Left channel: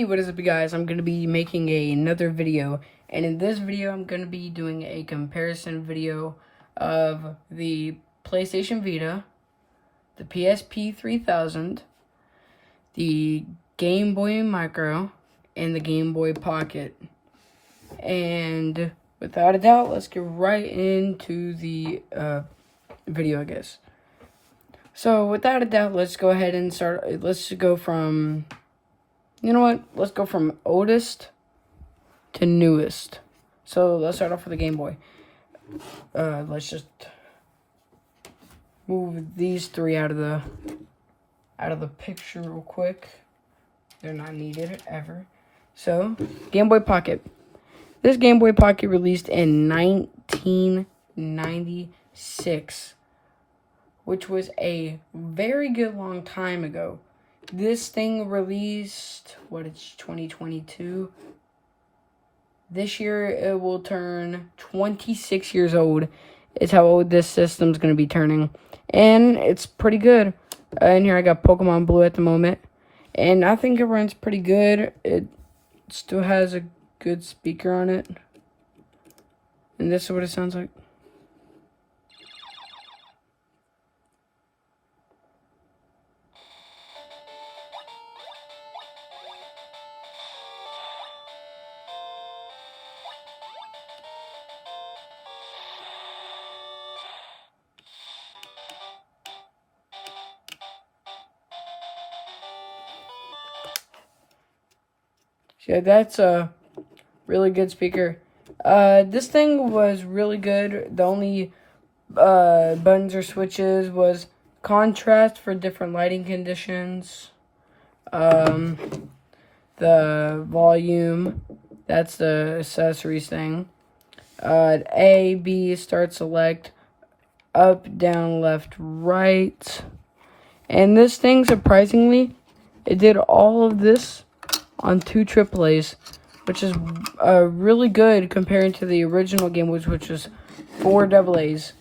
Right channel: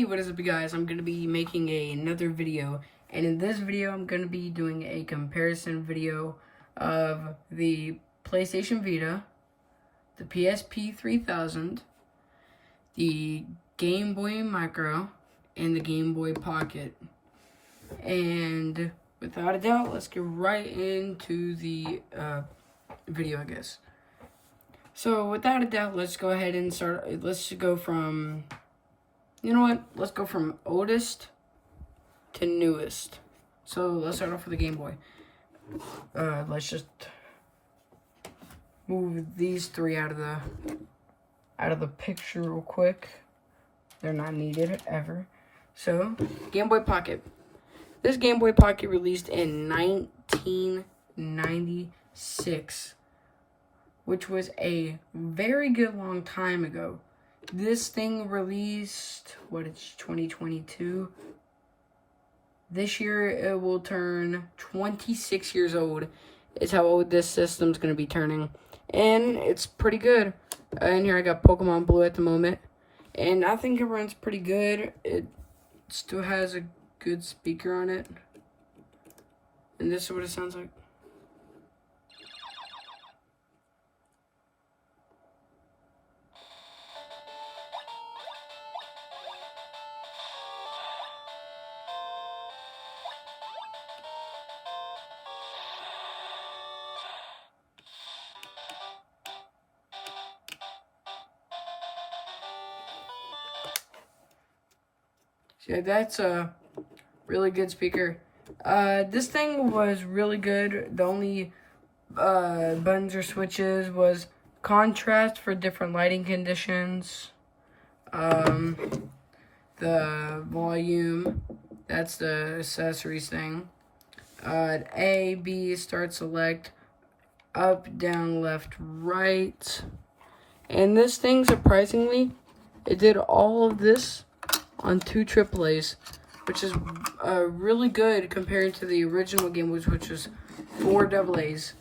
Hey, what is up, you guys? I'm going to be making another video, and in this video I'm going to be doing a comparison video of the PlayStation Vita, the PSP 3000, the Game Boy Micro, and the Game Boy Pocket. And without a doubt, let's get right into the video, I guess. So without a doubt, let's go ahead and start. Let's go from... You know what? Let's go from oldest to newest. So let's start off with the Game Boy. Let's just move these three out of the picture real quick. They're not needed ever. So, Game Boy Pocket. This Game Boy Pocket released in 1996, which was a very good long time ago. This thing released, it's 2022. This year it will turn 26 years old. Is how old this system's going to be turning. And it's pretty good. And here I got Pokemon Blue at the moment. And I think it runs pretty good. It still has a good speaker on it. And this is what it sounds like. Yeah, that's a really good speaker. This thing was really good. The only buttons or switches was contrast for different lighting conditions. The volume, that's the accessories thing. A, B, start, select, up, down, left, right. And this thing, surprisingly, it did all of this on 2 AAAs, which is really good compared to the original Game Boy, which was 4 AAAs.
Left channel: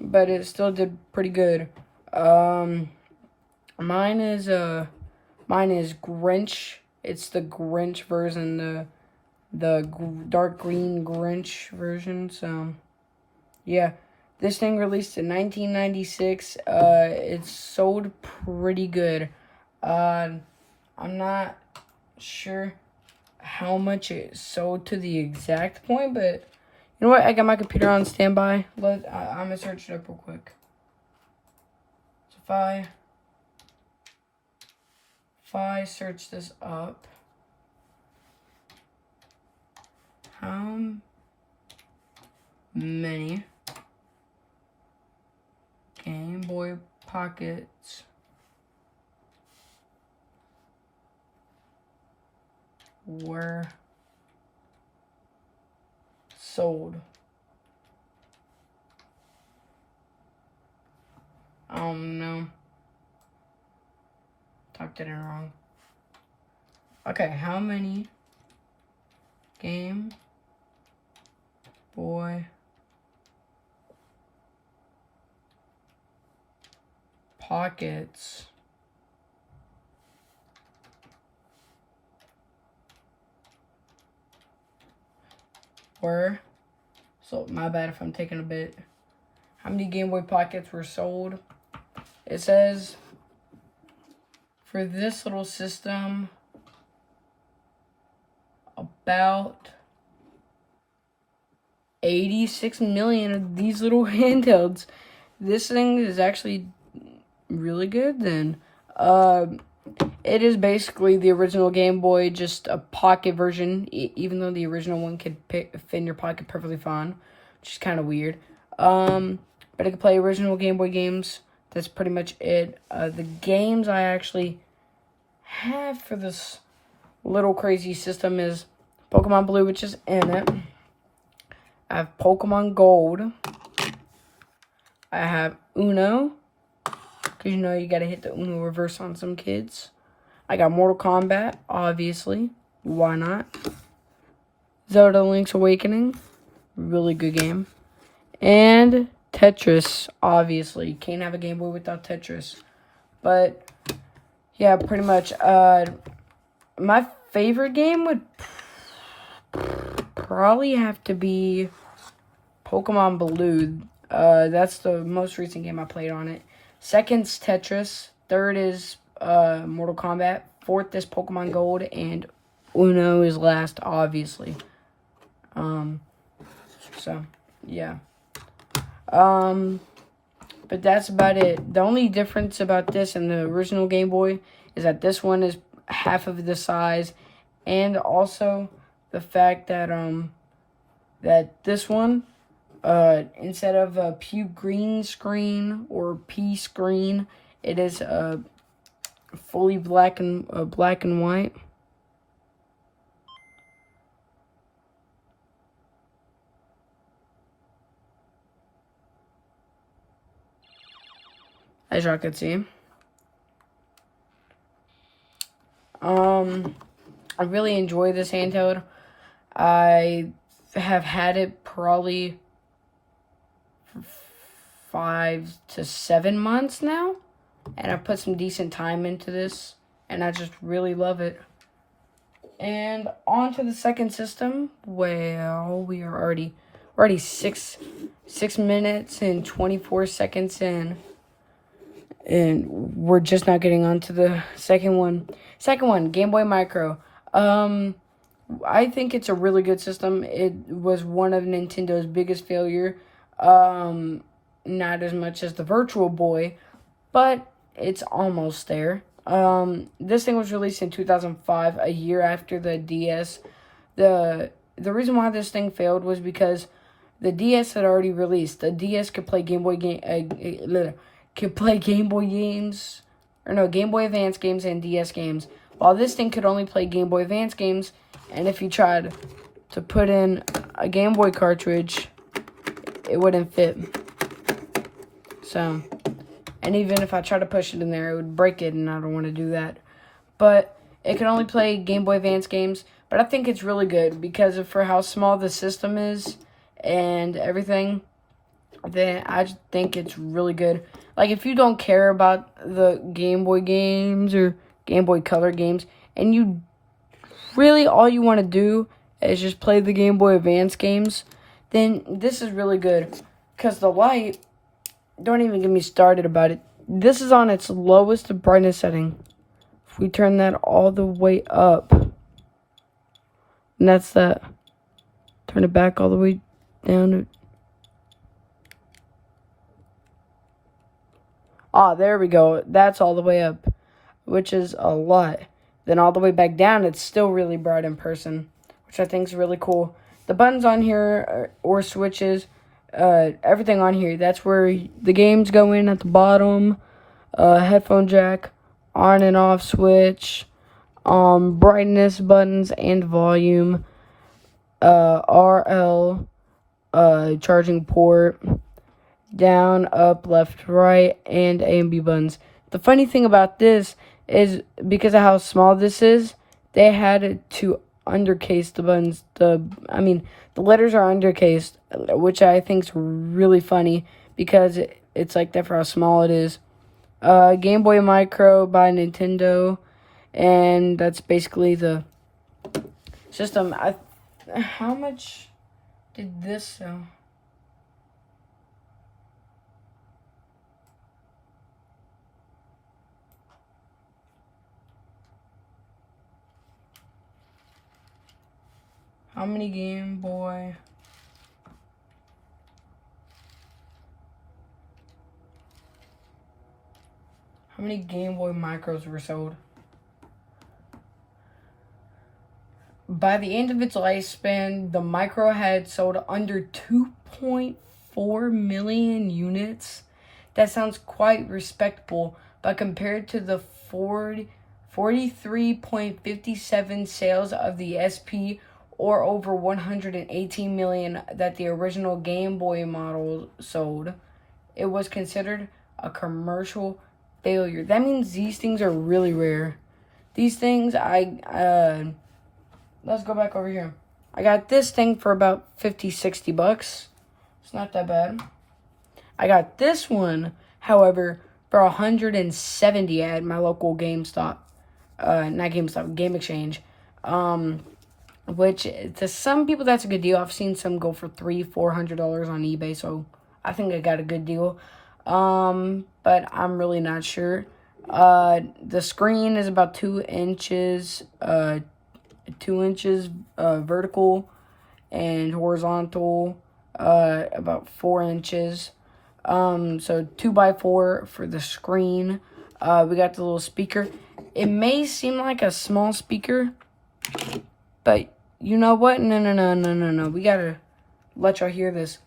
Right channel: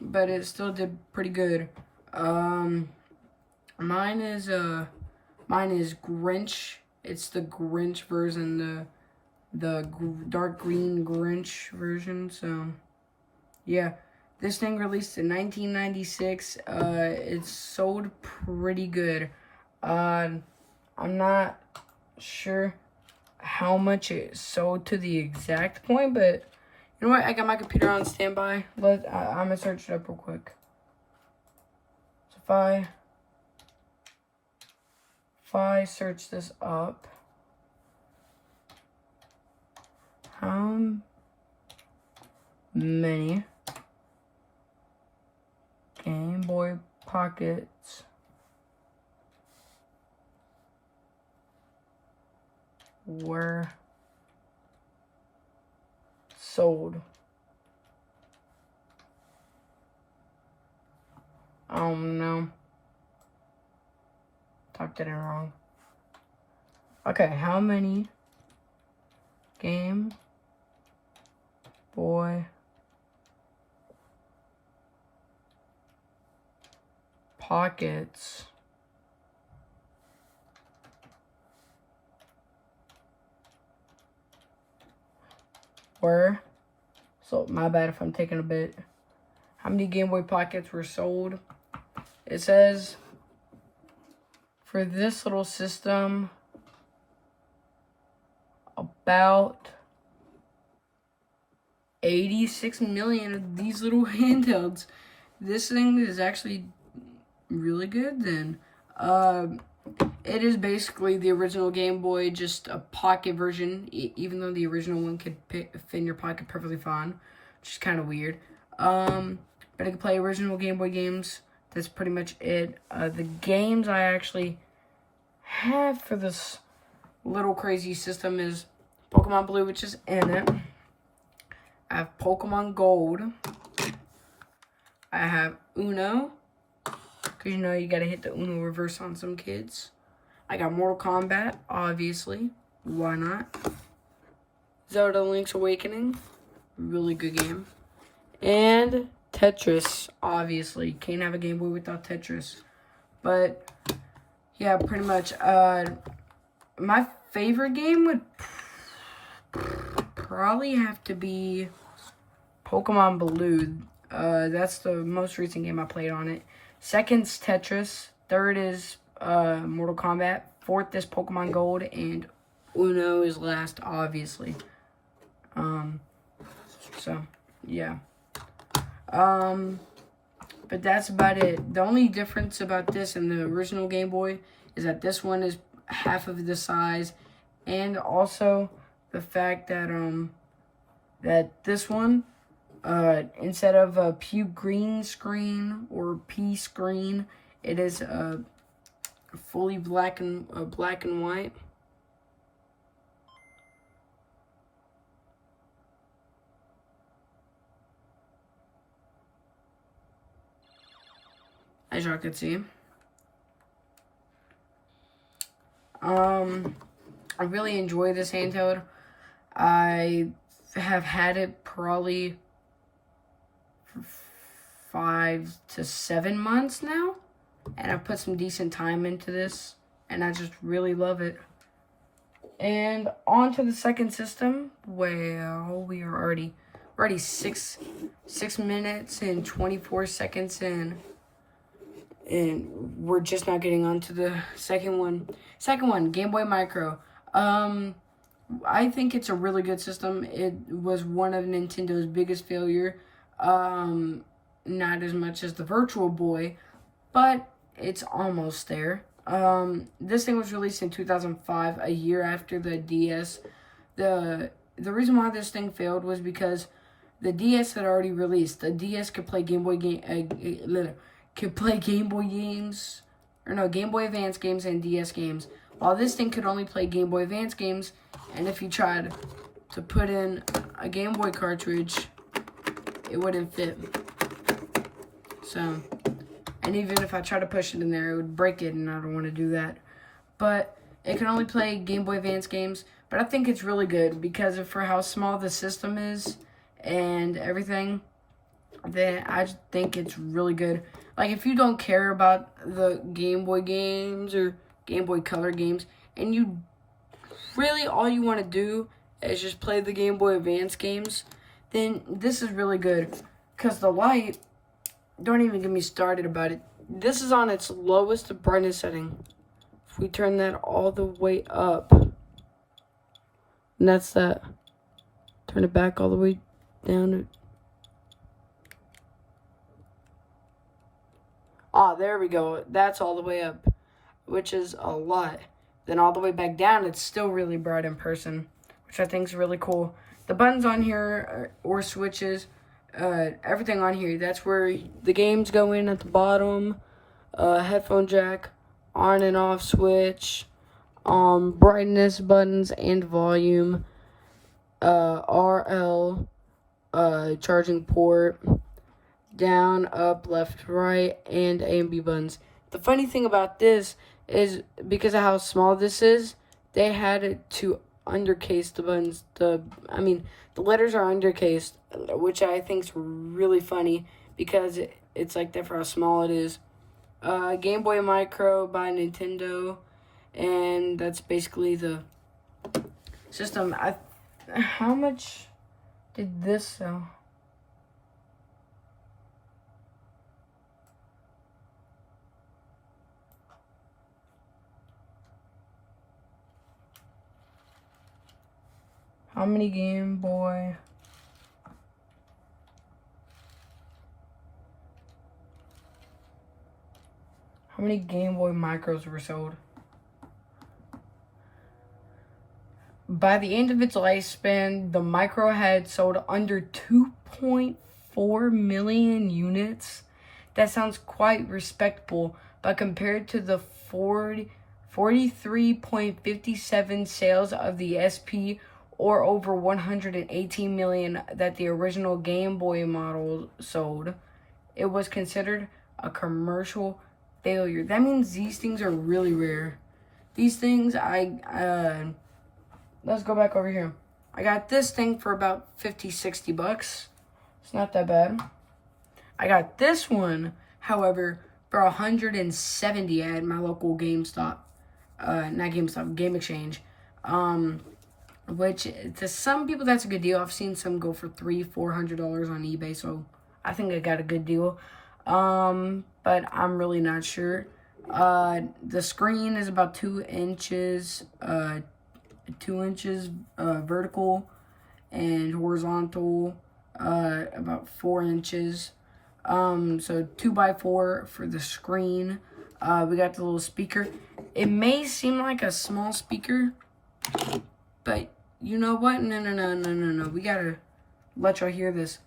But it still did pretty good. Mine is Grinch. It's the Grinch version, the dark green Grinch version. So yeah, this thing released in 1996. It sold pretty good. I'm not sure how much it sold to the exact point, but you know what? I got my computer on standby. I'm gonna search it up real quick. So if I search this up, how many Game Boy Pockets were sold? I don't know. Typed it in wrong. Okay, how many Game Boy Pockets were, so my bad if I'm taking a bit. How many Game Boy Pockets were sold? It says for this little system, about 86 million of these little handhelds. This thing is actually really good then. It is basically the original Game Boy, just a pocket version, even though the original one could fit in your pocket perfectly fine, which is kind of weird. But it can play original Game Boy games. That's pretty much it. The games I actually have for this little crazy system is Pokemon Blue, which is in it. I have Pokemon Gold. I have Uno, because you know you gotta hit the Uno reverse on some kids. I got Mortal Kombat, obviously. Why not? Zelda Link's Awakening. Really good game. And Tetris, obviously. Can't have a Game Boy without Tetris. But, yeah, pretty much. my favorite game would probably have to be Pokemon Blue. That's the most recent game I played on it. Second's Tetris. Third is Mortal Kombat. Fourth is Pokemon Gold, and Uno is last, obviously. So yeah. But that's about it. The only difference about this and the original Game Boy is that this one is half of the size, and also the fact that that this one, instead of a pew green screen or P screen, it is fully black and white. As y'all can see. I really enjoy this handheld. I have had it probably for 5 to 7 months now, and I've put some decent time into this, and I just really love it. And on to the second system. Well, we are already 6 minutes and 24 seconds in. And we're just not getting on to the second one. Second one, Game Boy Micro. I think it's a really good system. It was one of Nintendo's biggest failure. Not as much as the Virtual Boy, but it's almost there. This thing was released in 2005, a year after the DS. The reason why this thing failed was because the DS had already released. The DS could play Game Boy games, or no, Game Boy Advance games and DS games, while this thing could only play Game Boy Advance games. And if you tried to put in a Game Boy cartridge, it wouldn't fit. So, and even if I try to push it in there, it would break it, and I don't want to do that. But it can only play Game Boy Advance games. But I think it's really good because for how small the system is and everything, then I just think it's really good. Like, if you don't care about the Game Boy games or Game Boy Color games, and you really all you want to do is just play the Game Boy Advance games, then this is really good. Because the light, don't even get me started about it. This is on its lowest brightness setting. If we turn that all the way up, and that's that. Turn it back all the way down. There we go. That's all the way up, which is a lot. Then all the way back down, it's still really bright in person, which I think is really cool. The buttons on here, or switches, everything on here, that's where the games go in at the bottom. Headphone jack, on and off switch, brightness buttons and volume, RL, charging port, down, up, left, right, and A and B buttons. The funny thing about this is, because of how small this is, they had to undercase the buttons. The letters are undercased, which I think is really funny because it's like that for how small it is. Game Boy Micro by Nintendo, and that's basically the system. How much did this sell? How many Game Boy? How many Game Boy Micros were sold? By the end of its lifespan, the Micro had sold under 2.4 million units. That sounds quite respectable, but compared to the 43.57 sales of the SP, or over 118 million that the original Game Boy model sold, it was considered a commercial failure. That means these things are really rare. These things, let's go back over here. I got this thing for about 50, 60 bucks. It's not that bad. I got this one, however, for 170 at my local GameStop. not GameStop, Game Exchange. Which to some people that's a good deal. I've seen some go for $300-$400 on eBay, so I think I got a good deal. But I'm really not sure. The screen is about 2 inches, 2 inches vertical and horizontal, about 4 inches. So 2x4 for the screen. We got the little speaker. It may seem like a small speaker, but you know what? No. We gotta let y'all hear this.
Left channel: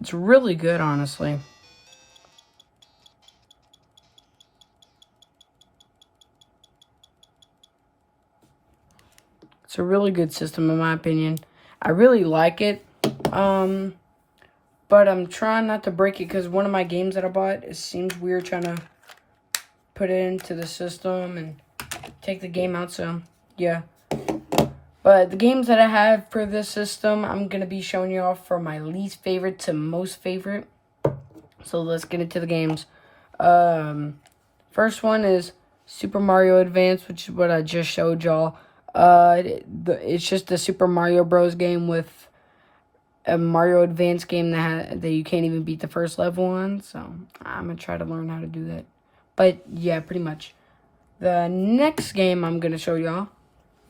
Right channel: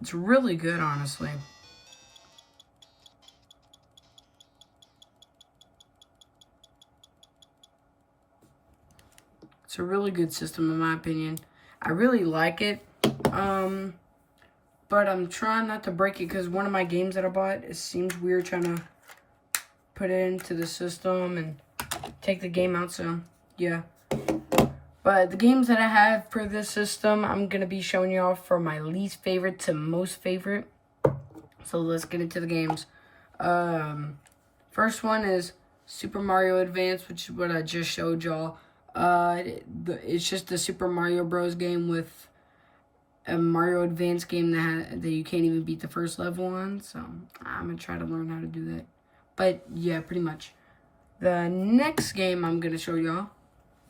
It's really good, honestly. It's a really good system, in my opinion. I really like it. But I'm trying not to break it because one of my games that I bought, it seems weird trying to put it into the system and take the game out. So, yeah. But the games that I have for this system, I'm going to be showing you off from my least favorite to most favorite. So let's get into the games. First one is Super Mario Advance, which is what I just showed y'all. It's just the Super Mario Bros. Game with a Mario Advance game that you can't even beat the first level on. So I'm going to try to learn how to do that. But yeah, pretty much. The next game I'm going to show y'all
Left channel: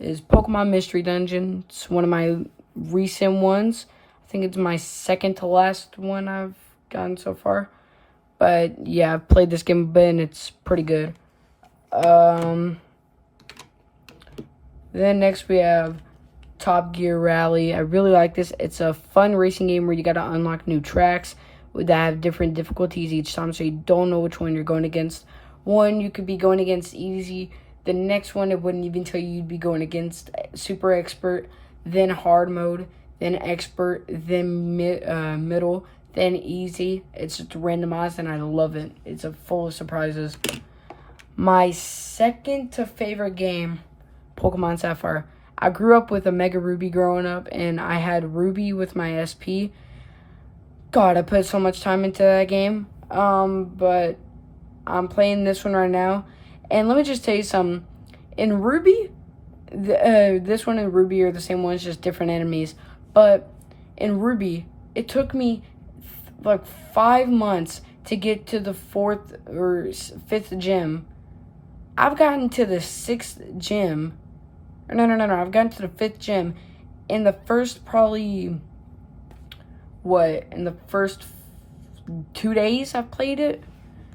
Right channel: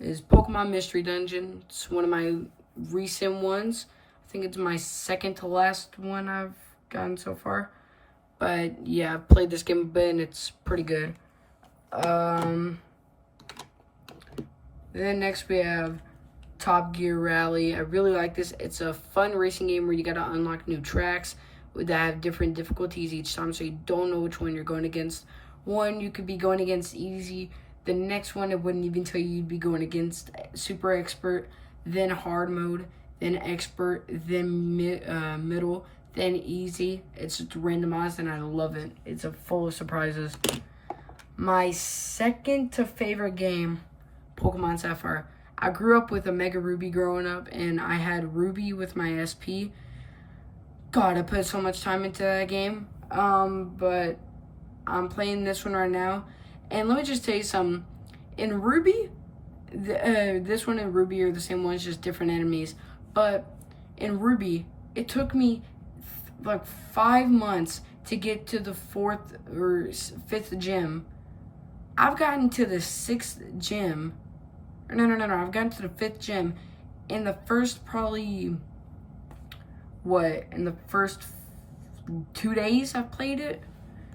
is Pokemon Mystery Dungeon. It's one of my recent ones. I think it's my second to last one I've gotten so far. But yeah, I've played this game a bit and it's pretty good. Then next we have Top Gear Rally. I really like this. It's a fun racing game where you gotta unlock new tracks that have different difficulties each time, so you don't know which one you're going against. One, you could be going against easy. The next one, it wouldn't even tell you you'd be going against super expert, then hard mode, then expert, then middle, then easy. It's just randomized and I love it. It's full of surprises. My second to favorite game, Pokemon Sapphire. I grew up with a Mega Ruby growing up, and I had Ruby with my SP. God, I put so much time into that game. But I'm playing this one right now. And let me just tell you something. In Ruby, this one and Ruby are the same ones, just different enemies. But in Ruby, it took me like 5 months to get to the 4th or 5th gym. I've gotten to the 6th gym. No. I've gotten to the 5th gym in the first probably, in the first 2 days I've played it.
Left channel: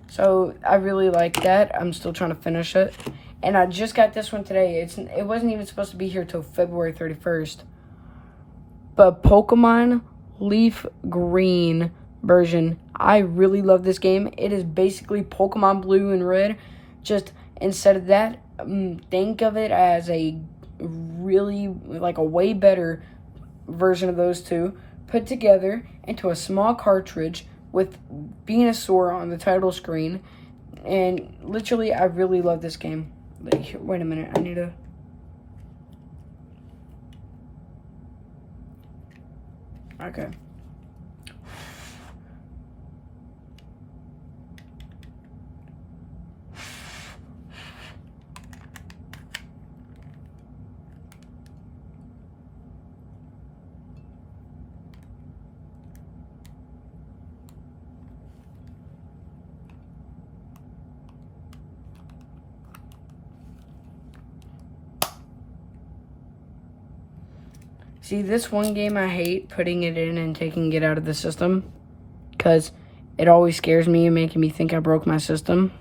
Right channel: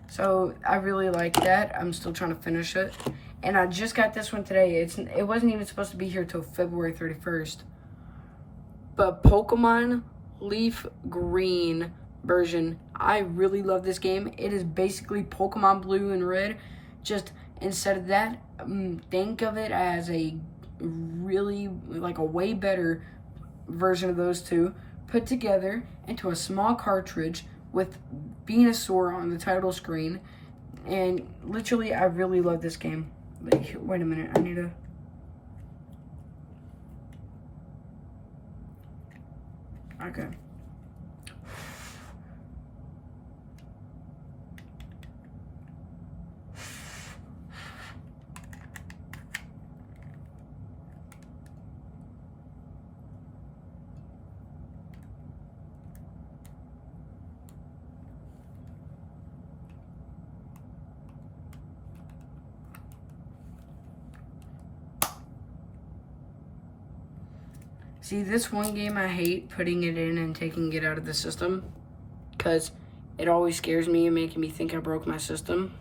So I really like that. I'm still trying to finish it. And I just got this one today. It wasn't even supposed to be here till February 31st. But Pokemon Leaf Green version. I really love this game. It is basically Pokemon Blue and Red. Just instead of that, think of it as a really, like a way better version of those two put together into a small cartridge with Venusaur on the title screen. And literally, I really love this game. Like, wait a minute, I need to... Okay. See, this one game I hate putting it in and taking it out of the system because it always scares me and making me think I broke my system.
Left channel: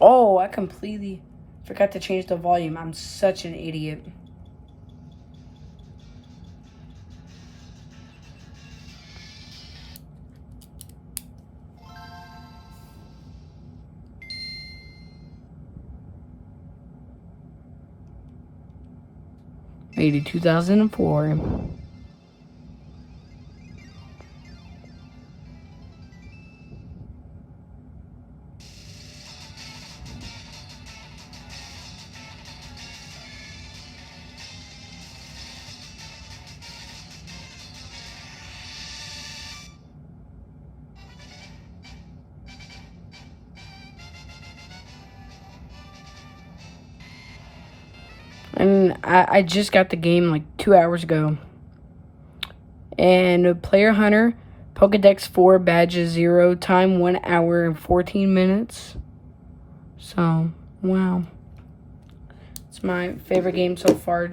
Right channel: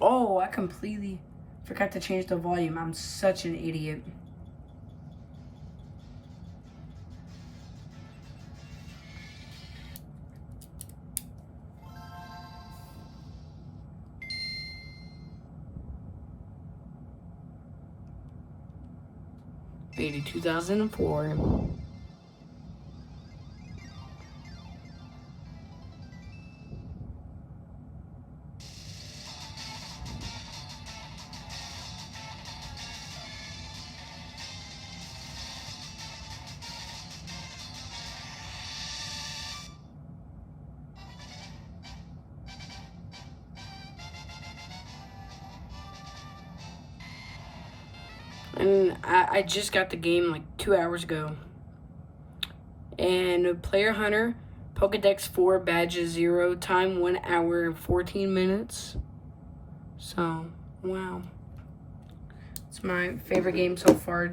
Oh, I completely forgot to change the volume. I'm such an idiot. Made it 2004. And I just got the game like 2 hours ago. And Player Hunter, Pokedex 4, Badges 0, time 1 hour and 14 minutes. So, wow. It's my favorite game so far.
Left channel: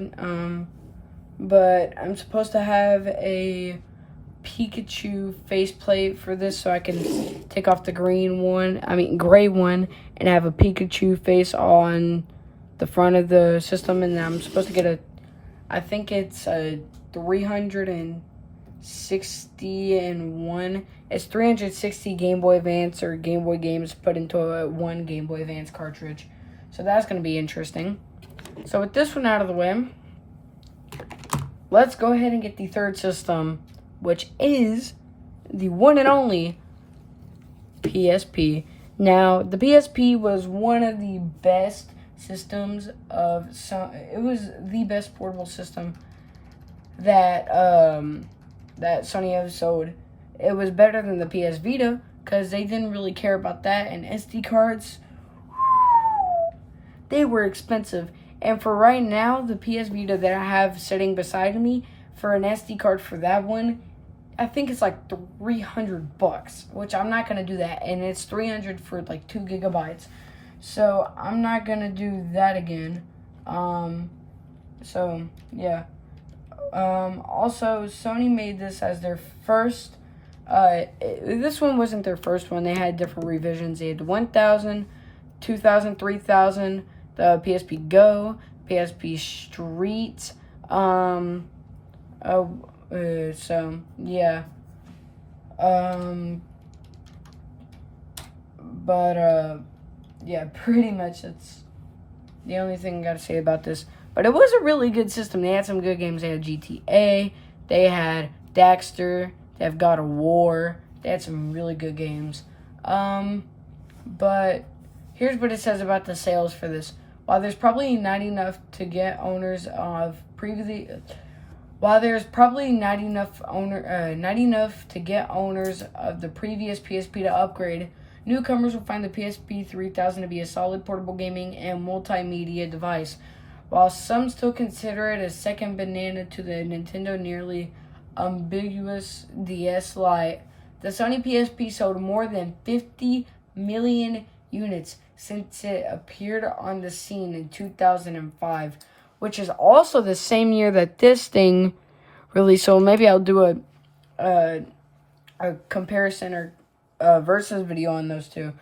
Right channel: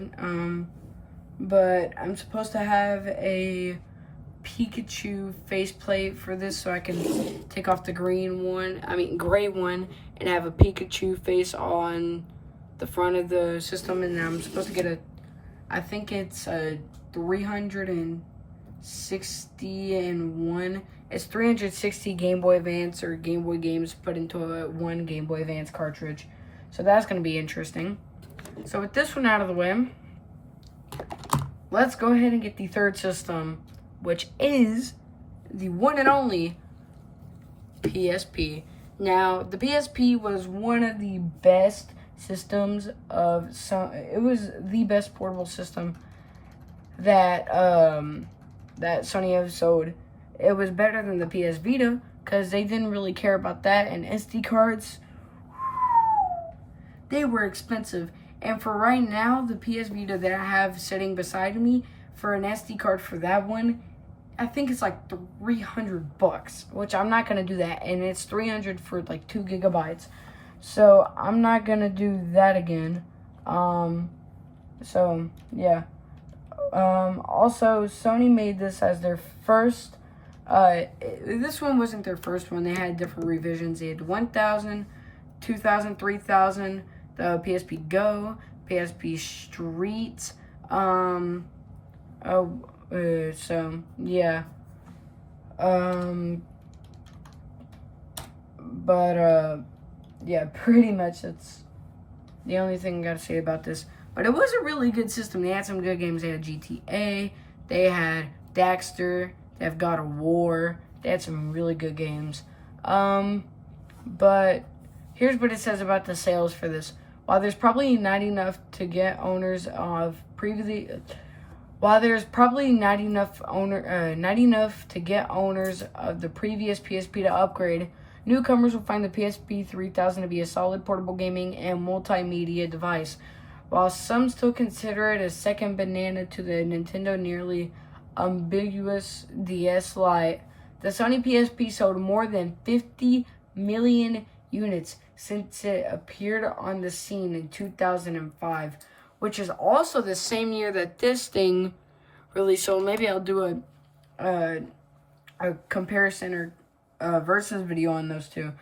But I'm supposed to have a Pikachu faceplate for this so I can take off the gray one, and have a Pikachu face on the front of the system, and I'm supposed to get I think it's a 361. It's 360 Game Boy Advance or Game Boy games put into one Game Boy Advance cartridge. So that's going to be interesting. So with this one out of the way, let's go ahead and get the third system, which is the one and only PSP. Now, the PSP was one of the best systems it was the best portable system that that Sony ever sold. It was better than the PS Vita because they didn't really care about that, and SD cards, they were expensive. And for right now, the PS Vita that I have sitting beside me, for an SD card for that one, I think it's like $300, which I'm not gonna do that, and it's $300 for like 2 gigabytes. So I'm not gonna do that again. So yeah. Also, Sony made this as their first. This one wasn't their first one. They had different revisions. They had 1000, 2000, 3000, the PSP Go, PSP Street. So yeah. Yeah, pretty much that's the only thing I gotta say about this. But it was a really good system. They had some good games. They had GTA, they had Daxter, they have God of War. They had some really good games. But here's what it says about the sales for this. While there's probably not enough to get owners of previously, while there's probably not enough to get owners of the previous PSP to upgrade, newcomers will find the PSP 3000 to be a solid portable gaming and multimedia device. While some still consider it a second banana to the Nintendo nearly ambiguous DS Lite, the Sony PSP sold more than 50 million units since it appeared on the scene in 2005, which is also the same year that this thing released. So maybe I'll do a comparison or versus video on those two.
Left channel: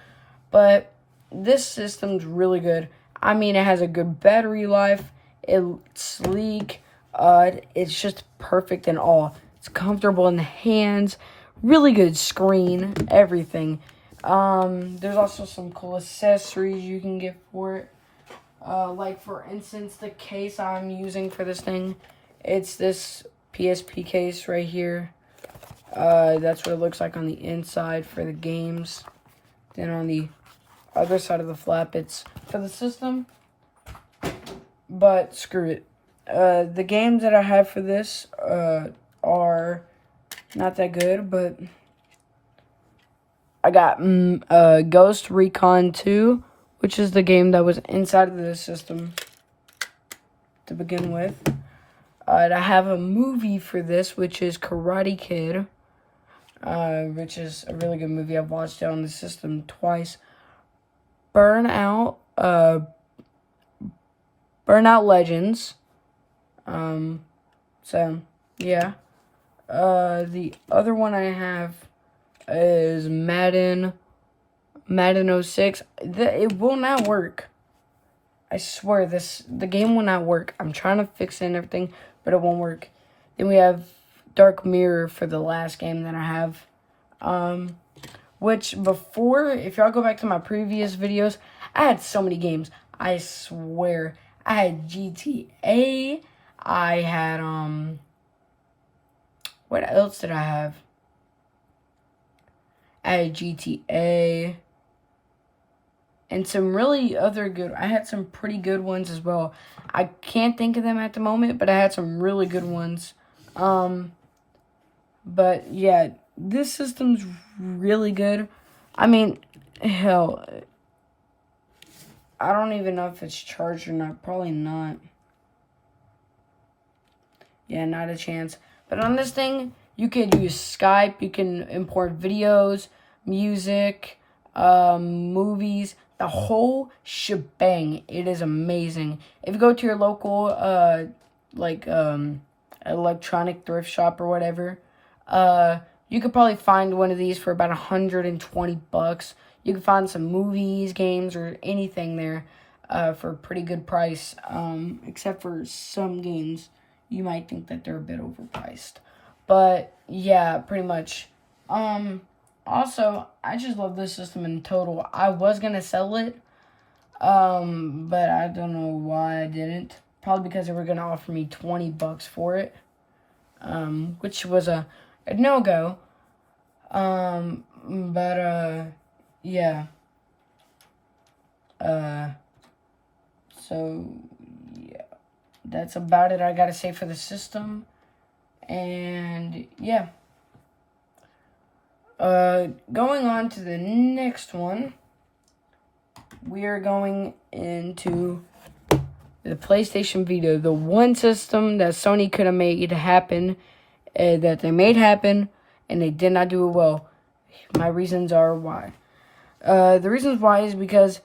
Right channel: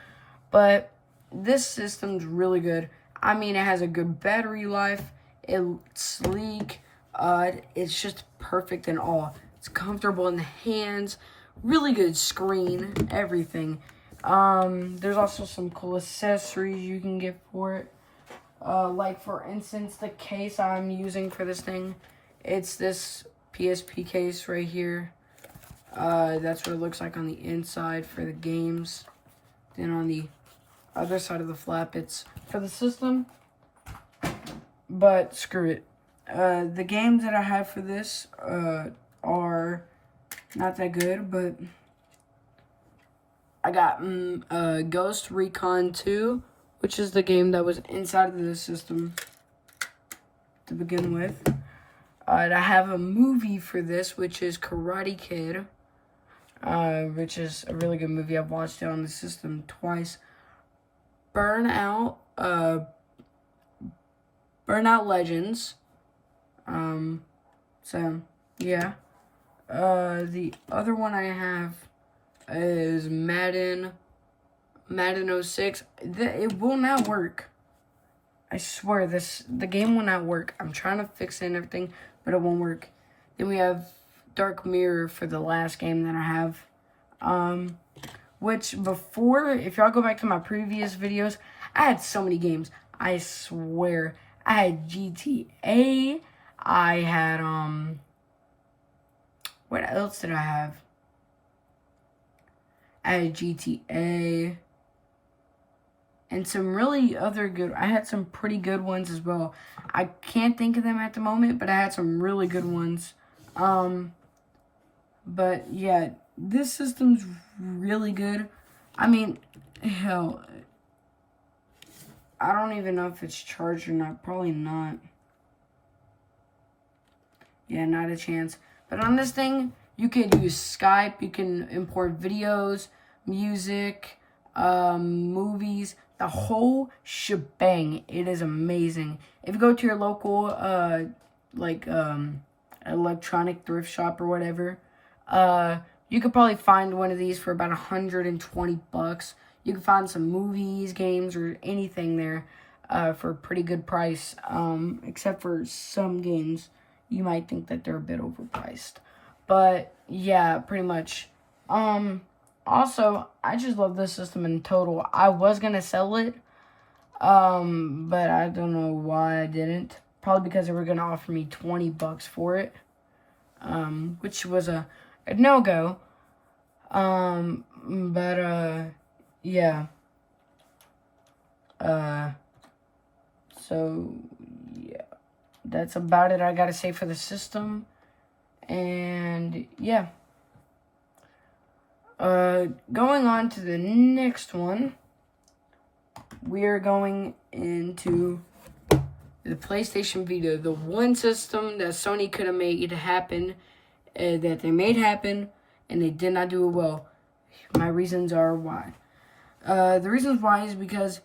But this system's really good. I mean, it has a good battery life. It's sleek. It's just perfect in all. It's comfortable in the hands. Really good screen. Everything. There's also some cool accessories you can get for it. Like, for instance, the case I'm using for this thing. It's this PSP case right here. That's what it looks like on the inside for the games. Then on the other side of the flap, it's for the system. But screw it. The games that I have for this are not that good, but I got Ghost Recon 2, which is the game that was inside of the system to begin with. I have a movie for this, which is Karate Kid, which is a really good movie. I've watched it on the system twice. Burnout, Burnout Legends. So yeah. The other one I have is Madden 06. It will not work. I swear, the game will not work. I'm trying to fix it and everything, but it won't work. Then we have Dark Mirror for the last game that I have. Which before, if y'all go back to my previous videos, I had so many games. I swear. I had GTA. I had, what else did I have? I had GTA. And some really other good, I had some pretty good ones as well. I can't think of them at the moment, but I had some really good ones. But yeah, this system's really good. I mean, hell, I don't even know if it's charged or not. Probably not. Yeah, not a chance. But on this thing, you can use Skype. You can import videos, music, movies, the whole shebang. It is amazing. If you go to your local, electronic thrift shop or whatever, you could probably find one of these for about $120. You can find some movies, games, or anything there for a pretty good price, except for some games. You might think that they're a bit overpriced. But, yeah, pretty much. Also, I just love this system in total. I was going to sell it, but I don't know why I didn't. Probably because they were going to offer me $20 for it, which was a no-go. Yeah. So, yeah. That's about it I gotta say for the system. And, yeah. Going on to the next one, we are going into the PlayStation Vita, the one system that Sony could have made happen, that they made happen, and they did not do it well. My reasons are why. The reasons why is because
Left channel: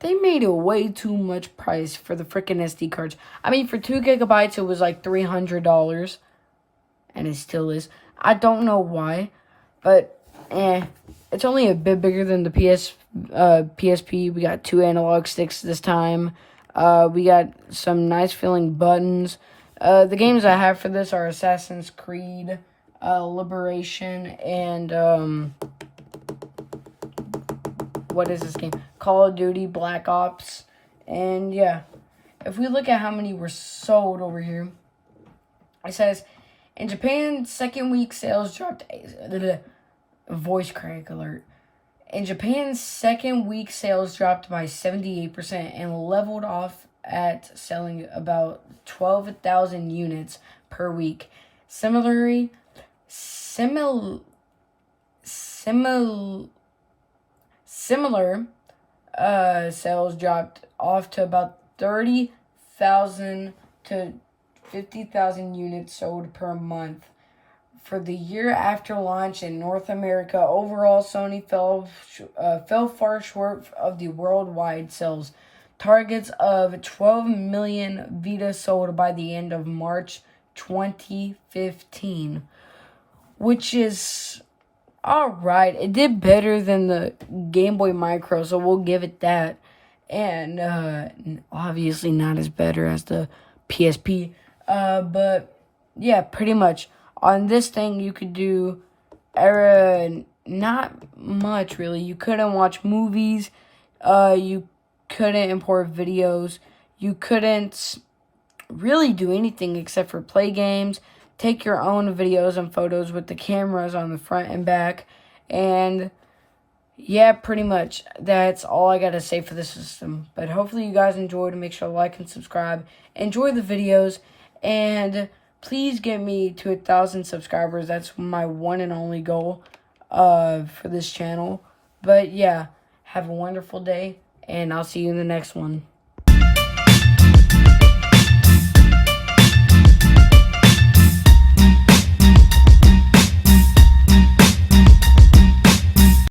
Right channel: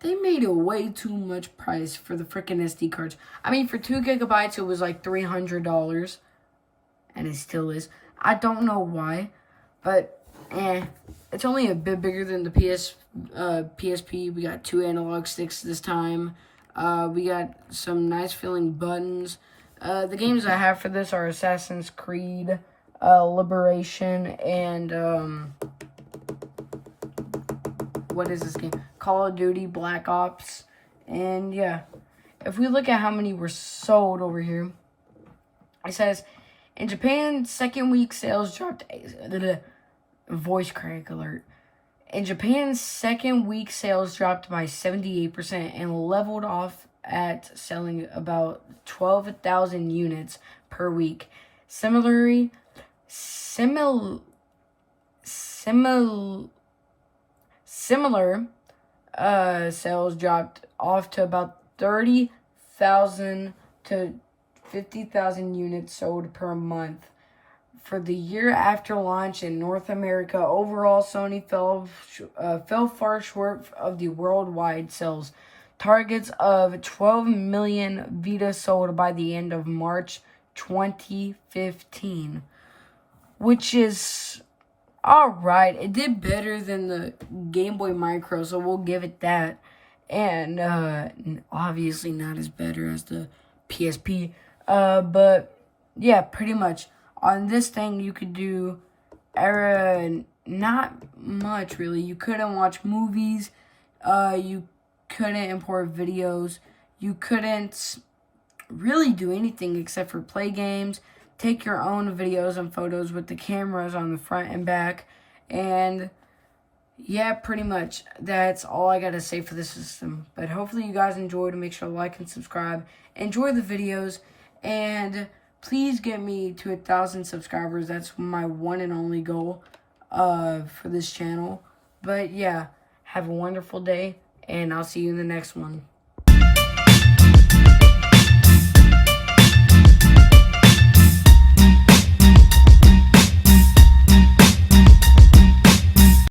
they made it way too much price for the freaking SD cards. I mean, for 2 gigabytes, it was like $300, and it still is. I don't know why, but it's only a bit bigger than the PSP. We got 2 analog sticks this time. We got some nice feeling buttons. The games I have for this are Assassin's Creed, Liberation, and what is this game? Call of Duty Black Ops. And yeah, if we look at how many were sold over here, it says in Japan, second week sales dropped. Voice crack alert. In Japan, second week sales dropped by 78% and leveled off at selling about 12,000 units per week. Similar sales dropped off to about 30,000 to 50,000 units sold per month. For the year after launch in North America, overall Sony fell far short of the worldwide sales targets of 12 million Vita sold by the end of March 2015, which is alright. It did better than the Game Boy Micro, so we'll give it that. And obviously not as better as the PSP. But yeah, pretty much. On this thing, you could do not much, really. You couldn't watch movies. You couldn't import videos. You couldn't really do anything except for play games, take your own videos and photos with the cameras on the front and back. And, yeah, pretty much. That's all I got to say for this system. But hopefully you guys enjoyed. Make sure to like and subscribe. Enjoy the videos. And please get me to 1,000 subscribers. That's my one and only goal for this channel. But yeah, have a wonderful day, and I'll see you in the next one.